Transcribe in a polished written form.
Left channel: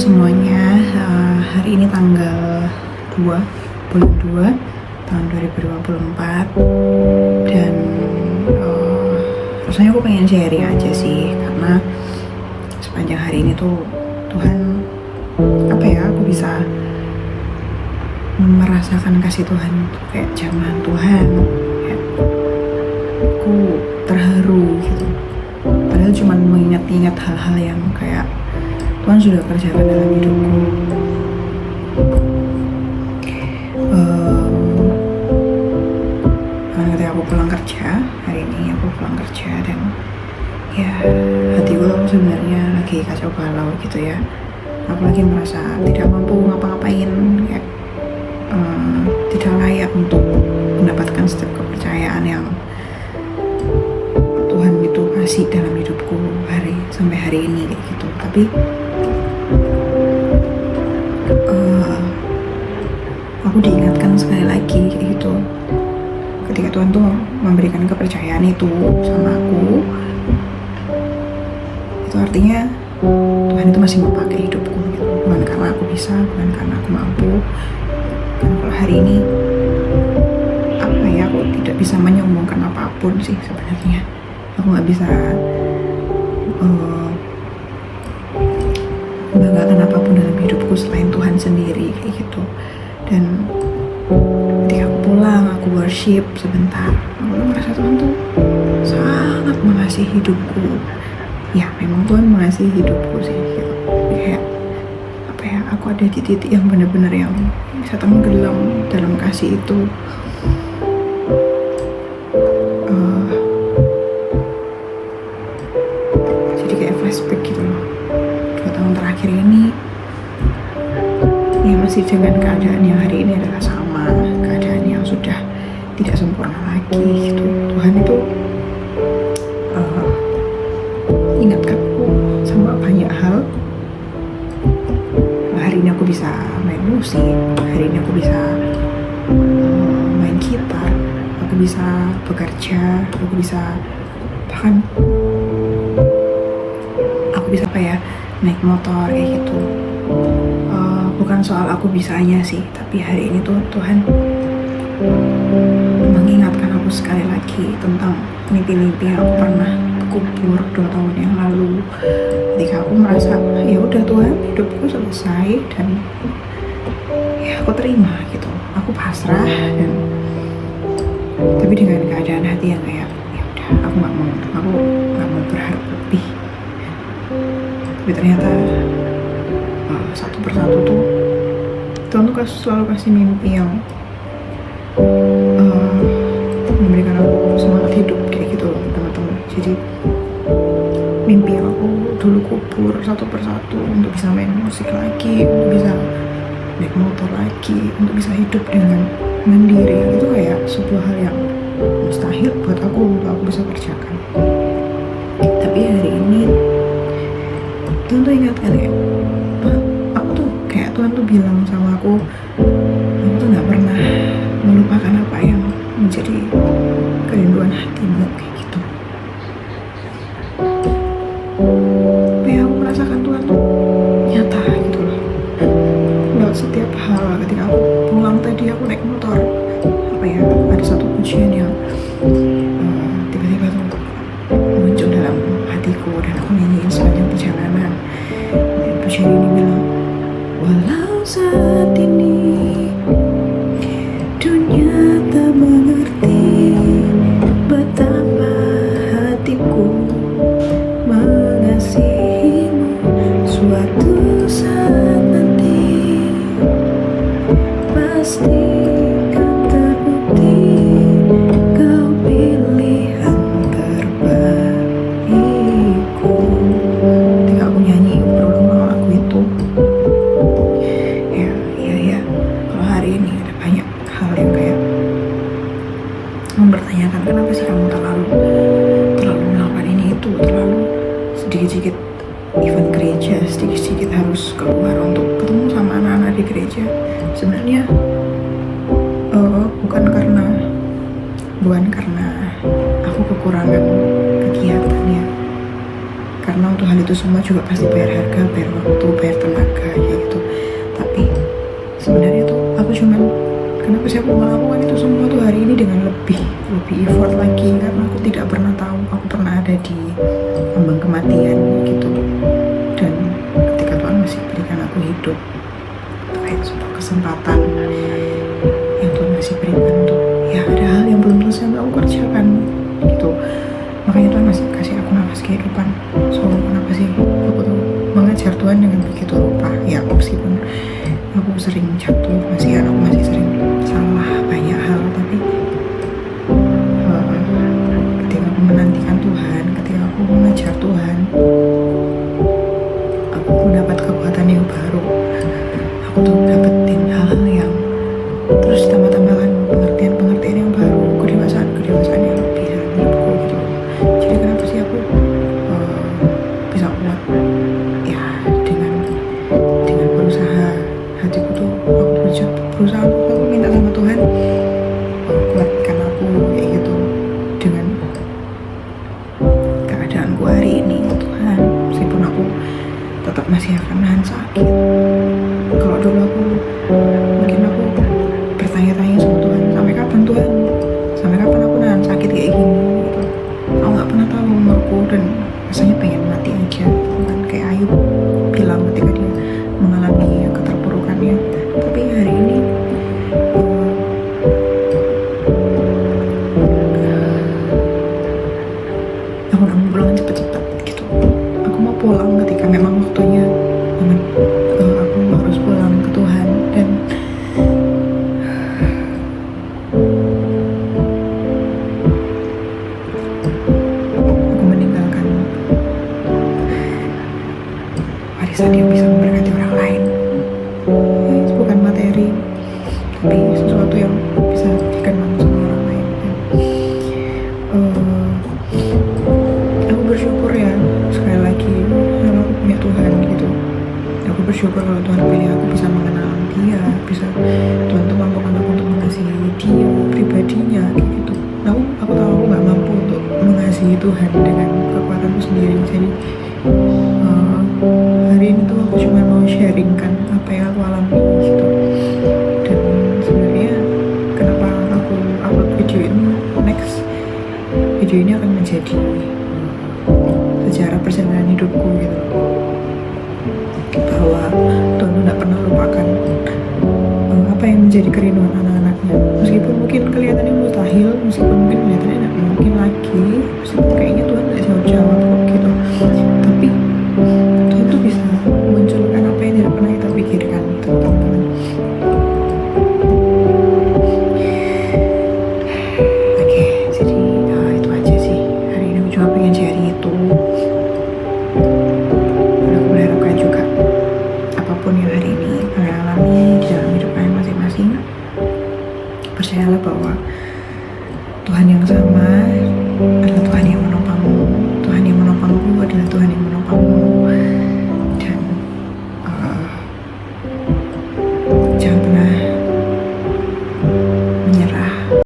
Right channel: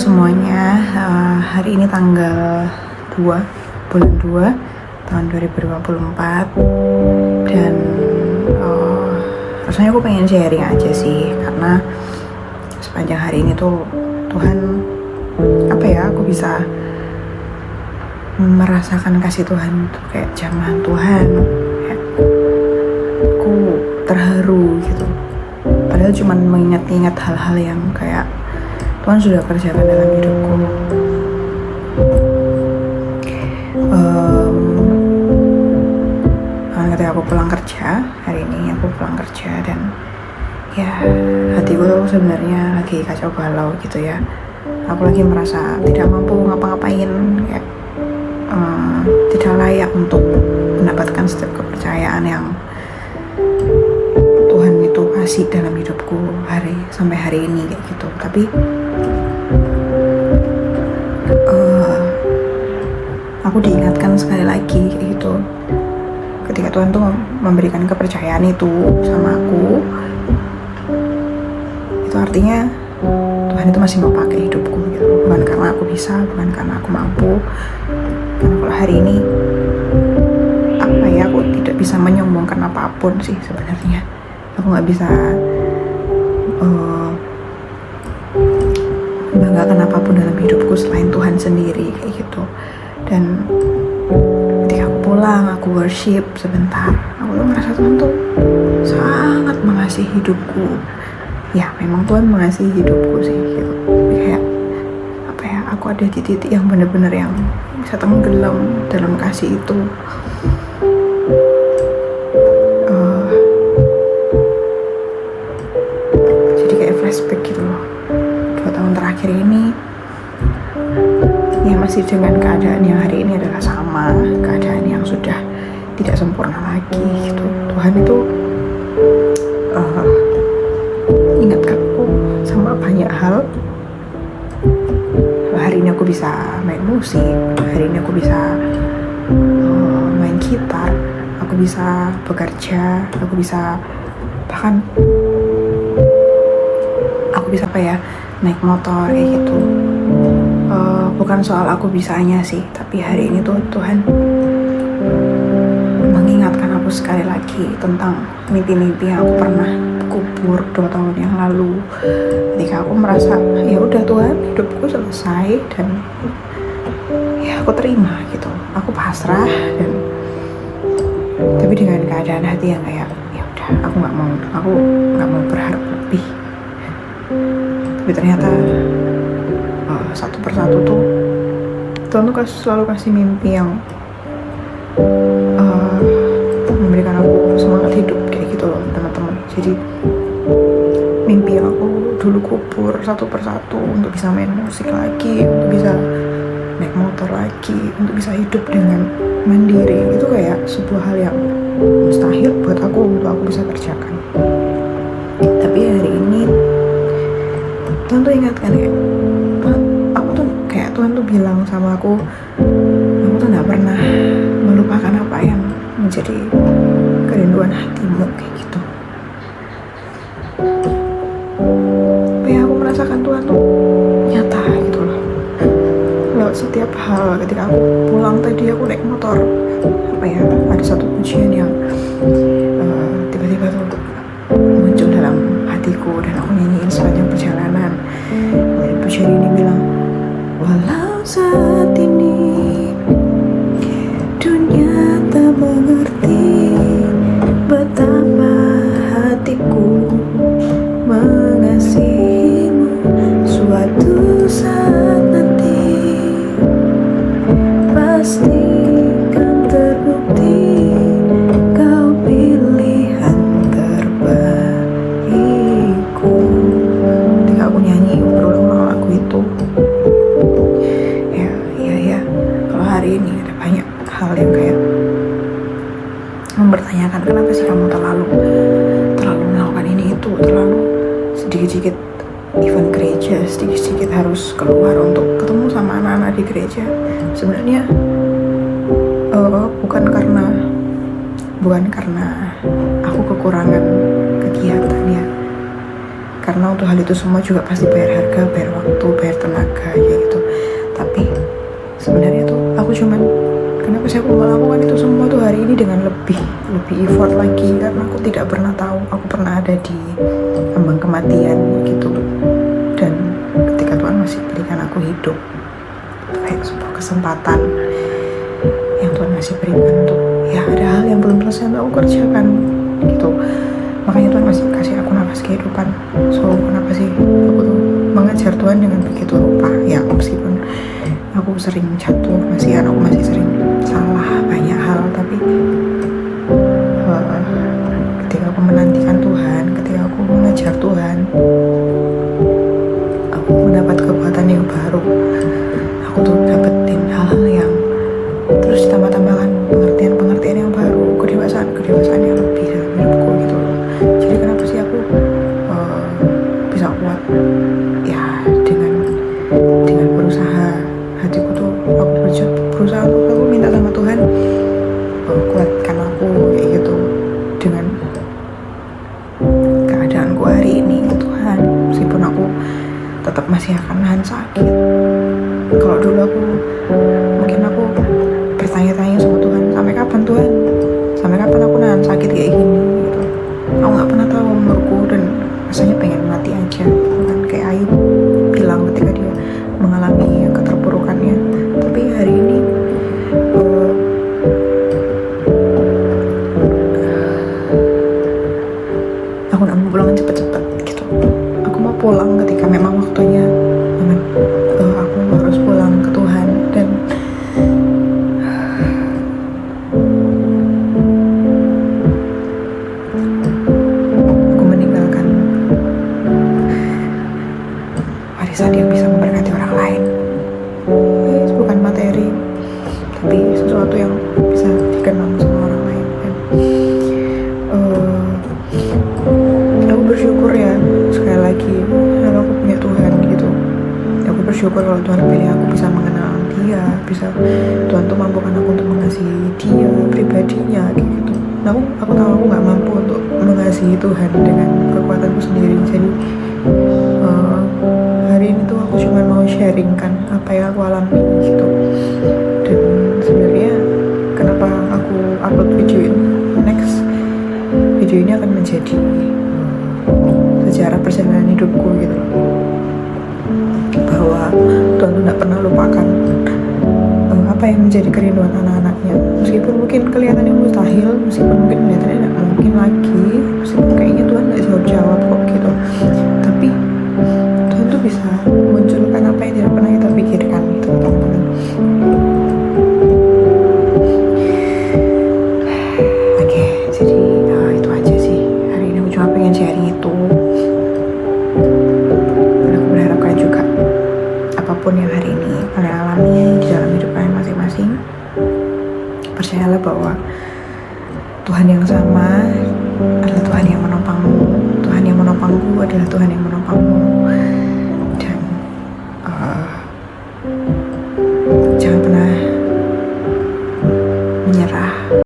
semuanya, hari ini tanggal 2 bulan 2 tahun 2024 dan rasanya aku pengen sharing aja sih, karena sepanjang hari ini tuh Tuhan, aku bisa merasakan kasih Tuhan tuh kayak jamahan Tuhan, kayak aku terharu gitu, padahal cuman mengingat-ingat hal-hal yang kayak Tuhan sudah kerjakan dalam hidupku. Ketika aku pulang kerja, hari ini aku pulang kerja dan ya hatiku tuh sebenarnya lagi kacau balau gitu ya. Aku lagi merasa tidak mampu ngapa-ngapain, kayak tidak layak untuk mendapatkan setiap kepercayaan yang Tuhan itu kasih dalam hidupku sampai hari ini kayak gitu. Tapi aku diingatkan sekali lagi kayak gitu, ketika Tuhan tuh memberikan kepercayaan itu sama aku, itu artinya Tuhan itu masih mau pakai hidupku gitu. Bukan karena aku bisa, bukan karena aku mampu, karena kalau hari ini aku tidak bisa menyombongkan apapun sih sebenarnya. Aku nggak bisa membanggakan apapun dalam hidupku selain Tuhan sendiri kayak gitu. Dan ketika aku pulang, aku worship sebentar, aku tuh merasa Tuhan tuh sangat mengasihi hidupku. Ya memang Tuhan mengasihi hidupku sih gitu. Kayak aku ada di titik yang benar-benar yang bisa tenggelam dalam kasih itu. Jadi kayak flashback gitu loh, 2 tahun terakhir ini ya masih dengan keadaan yang hari ini adalah sama, keadaan yang sudah tidak sempurna lagi gitu. Tuhan itu ingatkanku sama banyak hal. Hari ini aku bisa main musik, hari ini aku bisa main gitar, aku bisa bekerja, aku bisa bahkan naik motor kayak gitu. Bukan soal aku bisanya sih, tapi hari ini tuh Tuhan mengingatkan aku sekali lagi tentang mimpi-mimpi yang aku pernah kubur 2 tahun yang lalu. Ketika aku merasa ya udah Tuhan, hidupku selesai dan ya aku terima gitu, aku pasrah, dan tapi dengan keadaan hati yang kayak ya udah, aku nggak mau berharap lebih. Tapi ternyata satu persatu tuh Tuhan tuh selalu kasih mimpi yang memberikan aku semangat hidup kayak gitu loh teman-teman. Jadi mimpi yang aku dulu kubur satu persatu untuk bisa main musik lagi, untuk bisa naik motor lagi, untuk bisa hidup dengan mandiri, itu kayak sebuah hal yang mustahil buat aku untuk aku bisa kerjakan. Tapi hari ini Tuhan tuh ingatkan kayak Tuhan tuh bilang sama aku tuh gak pernah melupakan apa yang menjadi kerinduan hatimu kayak gitu. Tapi aku merasakan Tuhan tuh nyata gitu loh, lewat setiap hal. Ketika aku pulang tadi, aku naik motor, ada satu pujian yang tiba-tiba tuh muncul dalam hatiku dan aku nyanyiin sepanjang perjalanan. Pujian ini bilang, walau saat ini dunia tak mengerti betapa hatiku mengasihimu, suatu saat nanti pasti kan terbukti kau pilihan terbaikku. Ketika aku nyanyi berulang-ulang lagu itu, kalau hari ini ada banyak hal yang kayak mempertanyakan, kenapa sih kamu terlalu melakukan ini itu, terlalu sedikit-sedikit event gereja, sedikit-sedikit harus keluar untuk ketemu sama anak-anak di gereja. Sebenarnya bukan karena aku kekurangan kegiatan ya, karena untuk hal itu semua juga pasti bayar harga, bayar waktu, bayar tenaga kayak gitu. Tapi sebenarnya tuh aku cuman, kenapa sih aku melakukan itu semua tuh hari ini dengan lebih effort lagi, karena aku tidak pernah tahu aku pernah ada di ambang kematian gitu. Dan ketika Tuhan masih berikan aku hidup, itu kayak sebuah kesempatan yang Tuhan masih berikan untuk, ya ada hal yang belum selesai untuk aku kerjakan gitu. Makanya Tuhan masih kasih aku nafas kehidupan. So kenapa sih aku tuh mengejar Tuhan dengan begitu lupa? Ya meskipun aku sering jatuh, aku masih sering salah banyak hal, tapi ketika aku menantikan Tuhan, ketika aku mengejar Tuhan, aku mendapat kekuatan yang baru. Aku tuh dapetin hal-hal yang terus tambah-tambahkan pengertian yang baru, kedewasaan yang lebih dalam hidupku gitu loh. Jadi kenapa sih aku bisa kuat? Ya dengan berusaha. Hatiku tuh aku berusaha untuk, aku minta sama Tuhan, kuatkan aku kayak gitu dengan keadaanku hari ini Tuhan. Meskipun aku tetap masih akan nahan sakit. Kalau dulu mungkin aku bertanya-tanya sama Tuhan, sampai kapan Tuhan? Sampai kapan aku nahan sakit kayak gini gitu? Aku nggak pernah tahu umurku dan rasanya pengen mati aja gitu kan. Kayak Ayub bilang ketika dia mengalami keterpurukannya. Tapi hari ini aku udah mau pulang cepet-cepet gitu. Aku mau pulang ketika memang waktunya, aku harus pulang ke Tuhan. Dan aku meninggalkan warisan yang bisa memberkati orang lain. Bukan materi, tapi sesuatu yang bisa dikenang sama orang lain. Dan aku bersyukur ya, sekali lagi kalau aku punya Tuhan gitu. Aku bersyukur kalau Tuhan pilih aku bisa mengenal dia, bisa Tuhan tuh mampukan aku untuk mengasihi dia, pribadinya kayak gitu. Nah, aku tahu aku nggak mampu untuk mengasihi Tuhan dengan kekuatanku sendiri. Jadi hari ini tuh aku cuma mau sharingkan apa yang aku alami gitu. Dan sebenarnya kenapa aku upload video ini, next video ini akan menjadi sejarah perjalanan hidupku gitu loh. Bahwa Tuhan tuh gak pernah lupakan apa yang menjadi kerinduan anak-anaknya. Meskipun mungkin kelihatannya mustahil, meskipun mungkin kelihatannya gak mungkin lagi, meskipun kayaknya Tuhan gak jawab kok gitu, tapi Tuhan tuh bisa munculkan apa yang tidak pernah kita pikirkan gitu teman-teman. Oke, jadi itu aja sih. Hari ini aku cuma pengen sharing itu. Dan aku berharapkan juga apapun yang hari ini kalian alami di dalam hidup kalian masing-masing, percayalah bahwa Tuhan yang sama adalah Tuhan yang menopangmu. Tuhan yang menopangku adalah Tuhan yang menopangmu.